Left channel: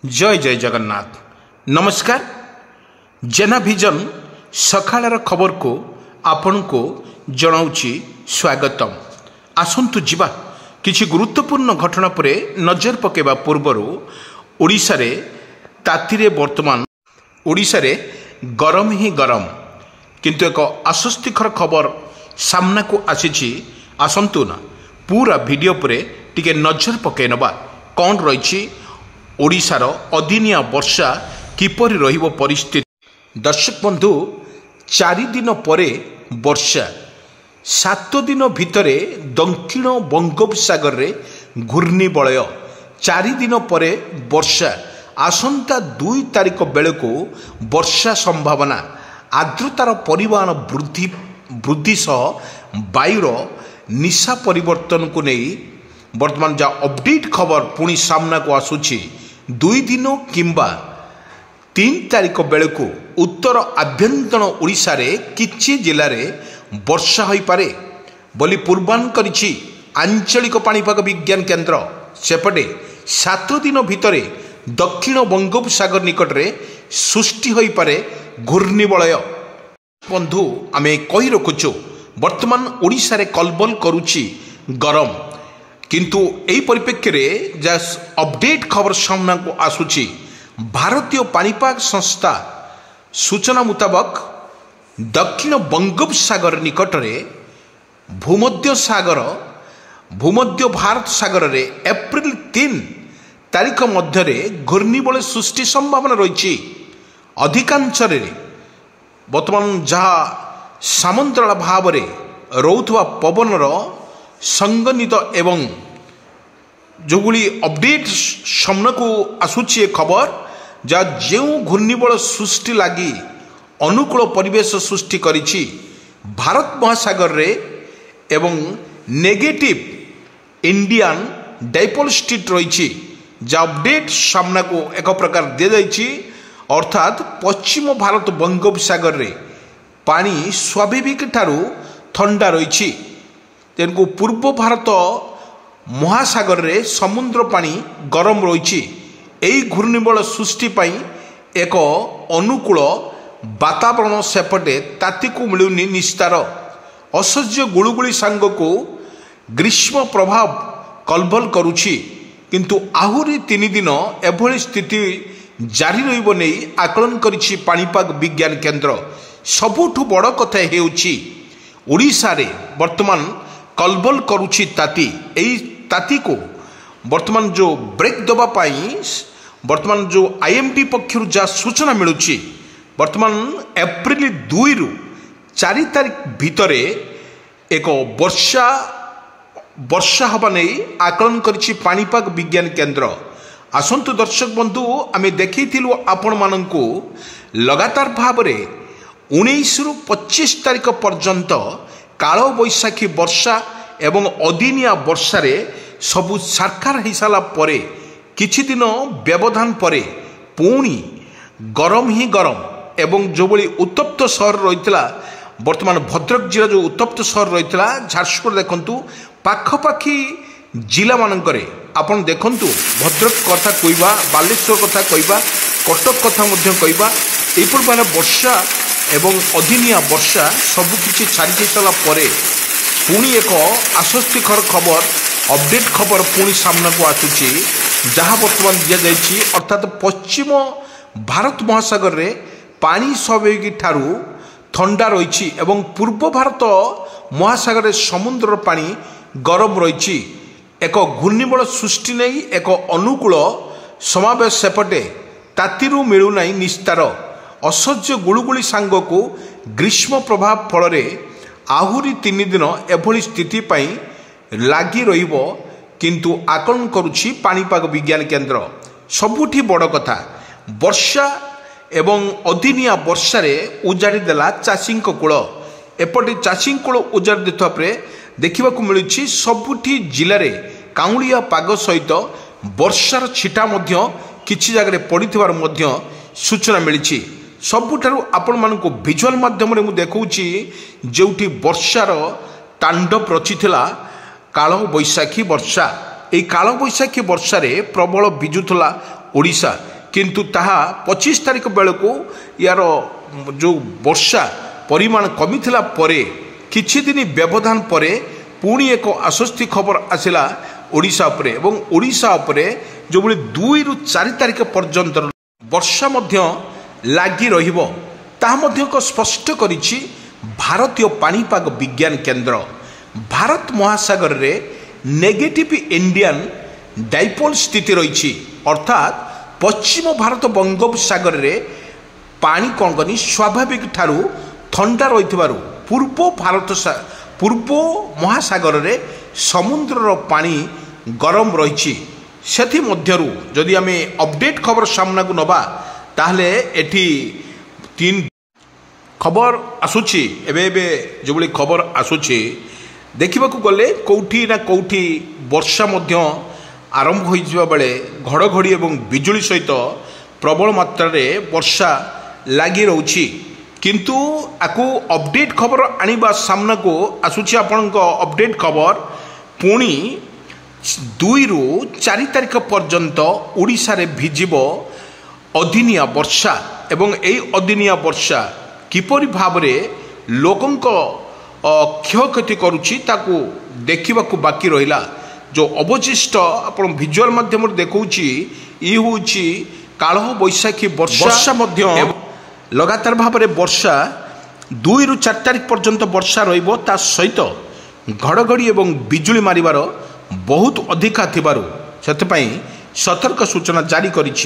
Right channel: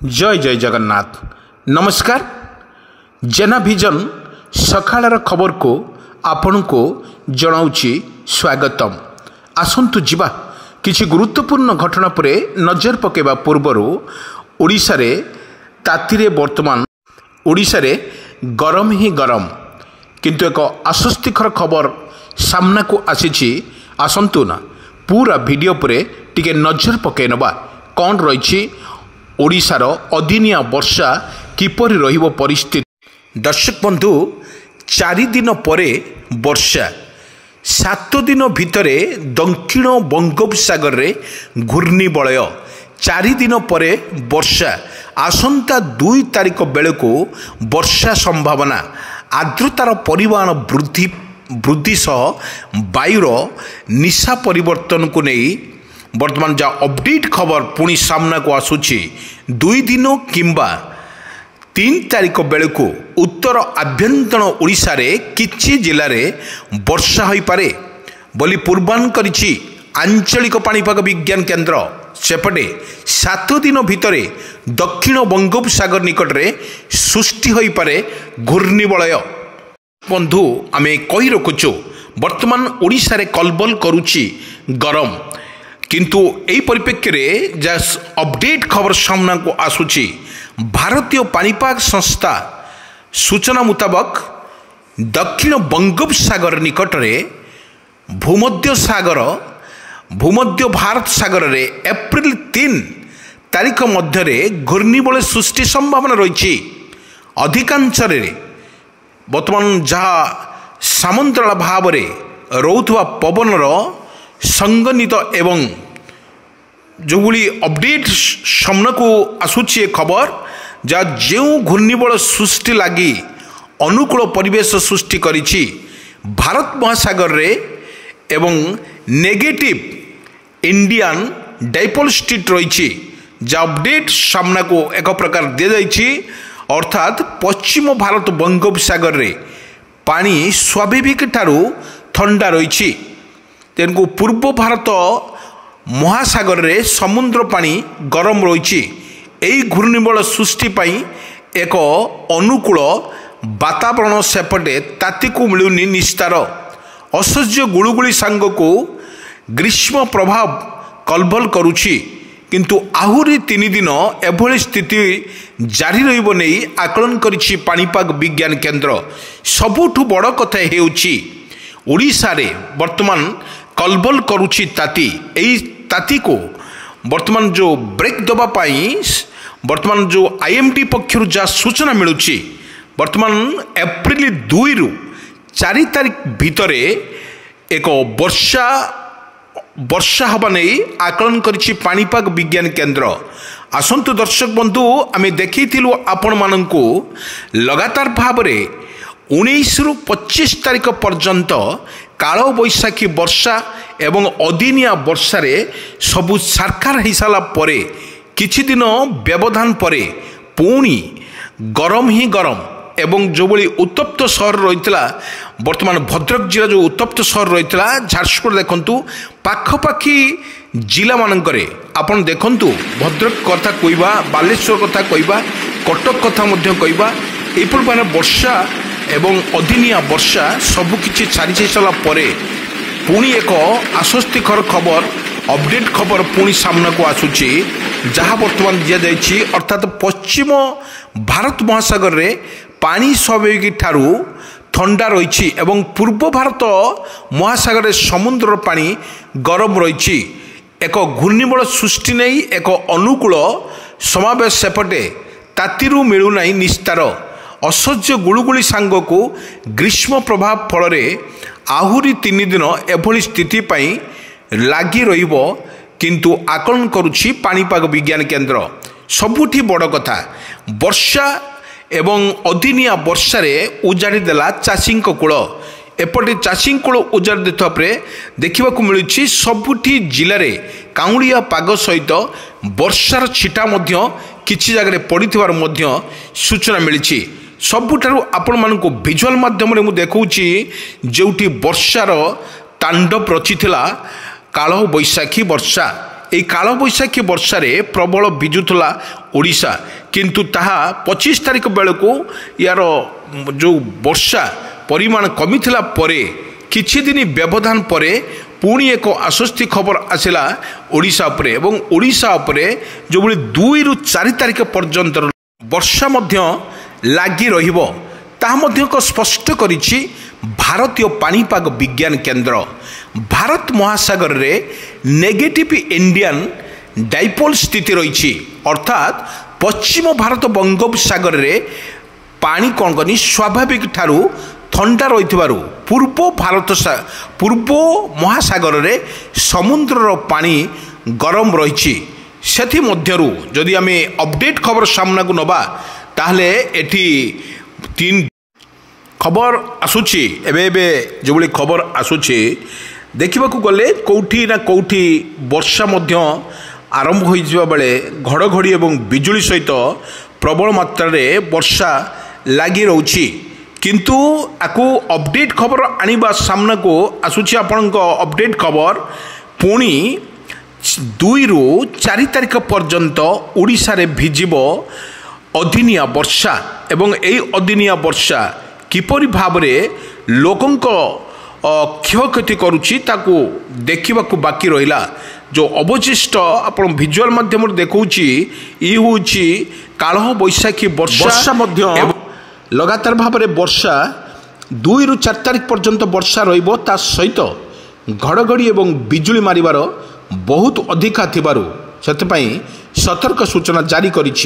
जय जय जगन्नाथ नमस्कार। जेना विजन सकाळर खबर को आपण को जनाउछि स्वागतम। आसंतु जिबा किछि गुरुत्वपूर्ण घटना परे नजर पकेबा पूर्वरु ओडिशा रे तातीरे वर्तमान ओडिशा रे गरम ही गरम किंतु एक आश्वस्तिकर खबर सामना को आसीछि। आसंतु ना पूरा वीडियो परे टिके नजर पके नबा कौन रही ओडिशार अदिनिया वर्षा किपरि रहिबो परिस्थिति। दर्शक बंधु 4 दिन परे वर्षा 7 दिन भितरे दक्षिण बंगोपसागर रे घूर्णिबलय 4 दिन परे वर्षा आसंता 2 तारिख बेलको वर्षा संभावना आर्द्रतार परिमाण वृद्धि सह वायुर निशा परिवर्तन को नहीं वर्तमान जा अपडेट खबर पुणी सामना को आसुची 2 दिन किंबा 3 तारिख बेलू उत्तर आभ्यंतर ओडिशा रे किछि जिले में वर्षा हो पारे बोली पूर्वानुमान करिछि आंचलिक पाणीपाग विज्ञान केन्द्र। सेपटे 7 दिन भितरे दक्षिण बंगोपसागर निकट में सृष्टि हो पारे घूर्णिबलय। बंधु आमे कही रखुचु वर्तमान ओडिशा रे कलबल करुछि गरम किंतु यही परिप्रेक्षी में जा अपडेट खबर सामना को आसुची भारतीय पाणीपाग संस्था सूचना मुताबक दक्षिण बंगोपसागर निकट में भूमध्य भारत सागर रे एप्रिल 3 तारिख मध्य घूर्णिबलय सृष्टि संभावना रही। अधिकांश वर्तमान जहाँ सामंतराल भाव में रोथुवा पवनर संगनित एवं जो अपडेट सामना को आसुची खबर जा जो घूर्णिबलय सृष्टि लगी अनुकूल परिवेश सृष्टि करिछि भारत महासागर रे एवं नेगेटिव इंडियन डाइपोल स्ट्रीट रही जा अपडेट सामना को एक प्रकार दि जाइछि। अर्थात पश्चिम भारत बंगोपसागर रे पानी स्वाभाविक ठारू ठंडा रही तेणु पूर्व भारत महासागर रे समुद्र पानी गरम रही। यही घूर्णिबलय सृष्टि पाई एक अनुकूल वातावरण सेपटे ताती को मिलुनी निस्तार असह्य गुळुगुळी सांग को ग्रीष्म प्रभाव कलबल करुछि किंतु आहुरी 3 दिन एभली स्थिति जारी रहिबो नै आकलन करिछि पाणीपाग विज्ञान केन्द्र। सबुठु बड़ कथा हेउछि ओडिशा रे वर्तमान कलबल करुछि ताती। एई ताती को वर्तमान जो ब्रेक दबा पाई वर्तमान जो आईएमडी पक्षर जा सूचना मिलुछि वर्तमान एप्रिल 2 रु 4 तारिख भितरे एक वर्षा हवा नहीं आकलन करिछि पाणीपाग विज्ञान केन्द्र। आसंतु दर्शक बंधु आमे देखिथिलु आपण माननकु लगातार भाव में 19 रु 25 तारिख पर्यंत काल बैशाखी वर्षा एवं अदिनिया वर्षा रे सबु सारकार हो सारा परे किछि दिन व्यवधान परे पुणी गरम ही गरम एवं जो बड़ी उत्तप्त सहर रही वर्तमान भद्रक जिला जो उत्तप्त सहर रही झारसुगुड़ा देखु पाखपाखी जिला मानकरे आपण देखंतु भद्रक कथा कहवा बालेश्वर कथा कहवा कटक कथा मध्य कहवा एपर मान वर्षा एवं अदिनिया वर्षा सबकिछि छाड़ी सारा परे पुणी एक आश्वस्तिकर खबर अपडेट खबर पुणी सामना को आसुची जहाँ वर्तमान दि जाइछि। अर्थात पश्चिम भारत महासागर रे पानी स्वाभाविक ठारू ठंडा रही एवं पूर्व भारत महासागर रे समुद्र पानी गरम रही एक घूर्णिबलय सृष्टि नहीं एक अनुकूल समावेश सेपटे तातीरू मिलूना निस्तार असह्य गुळुगुळी सांग को ग्रीष्म प्रभाव फल आहुरी 3 दिन एभली स्थिति पाई लागी रहिबो किंतु आकलन करुछि पाणीपाग विज्ञान केन्द्र। सबुठी बड़ कथा वर्षा एवं अदिनिया वर्षा रे उजाड़ी देला चाषी कूल एपटे चाषी कूल उजाड़ी देता देखा मिलूँ सबुठी जिले में काउंलिया पाग सहित वर्षार छिटा किछि जगह पड़िथिबार मध्य सूचना मिली। सबुठारु आपण मानकु विजुअल माध्यम रे मु देखौछि जोठी वर्षार तांडव रचिथिला काल बैशाखी वर्षा এই कालबैशाखी वर्षारे प्रबल विजुला ओडिशा किंतु ताहा 25 तारिख बेलू यार जो वर्षा परिमाण कमी थिला परे किछि दिन व्यवधान परे पुणी एक आश्वस्ति खबर आसिला ओडिशा उपरे एवं ओडिशा उपरे जो भली 2 रु 4 तारिख पर्यंत वर्षा मध्य लागी रहिबो ताहा मध्य को स्पष्ट करिछि भारतीय पाणीपाग विज्ञान केंद्र। भारत महासागर रे नेगेटिव इंडियन डाइपोल स्थिति रही अर्थात पश्चिम भारत बंगोपसागर रे पानी कौन कनी स्वाभाविक ठारू ठंडा रही पूर्व महासागर रे समुद्र पानी गरम रही सेथि मध्यरु जदि आमे अपडेट खबर सामना को नबा ताहले एठी 3 खबर आसुची एबे जो बड़ी खबर आसुची देखा गले कौटी ना कौटी वर्षा मध्य आरंभ हो बेले घड़घड़ी और बिजुली सहित प्रबल मात्रा रे वर्षा लगी रोची किंतु आकु अपडेट खबर आनिबा सामना को आसुची आपण अपडेट खबर पुणी 2 रु 4 तारिख पर्यंत ओडिशा रे भिजिबो अदिनिया वर्षा एवं एई अदिनिया वर्षा किपरि भाबरे लोकंक क्षयक्षति करुच्ची ताकू देखा बाकी रहा जो अवशिष्ट आप भिजुआल माध्यम देखौची ई होची काल बैशाखी वर्षा लगातार भाव में वर्षा 2 रु 4 तारिख पर्यंत वर्षा रहिबो ता सहित घड़घड़ी एवं बिजुली मारिबार बहुत अधिका थिबारु सतपई सतर्क सूचना जारी करिछि।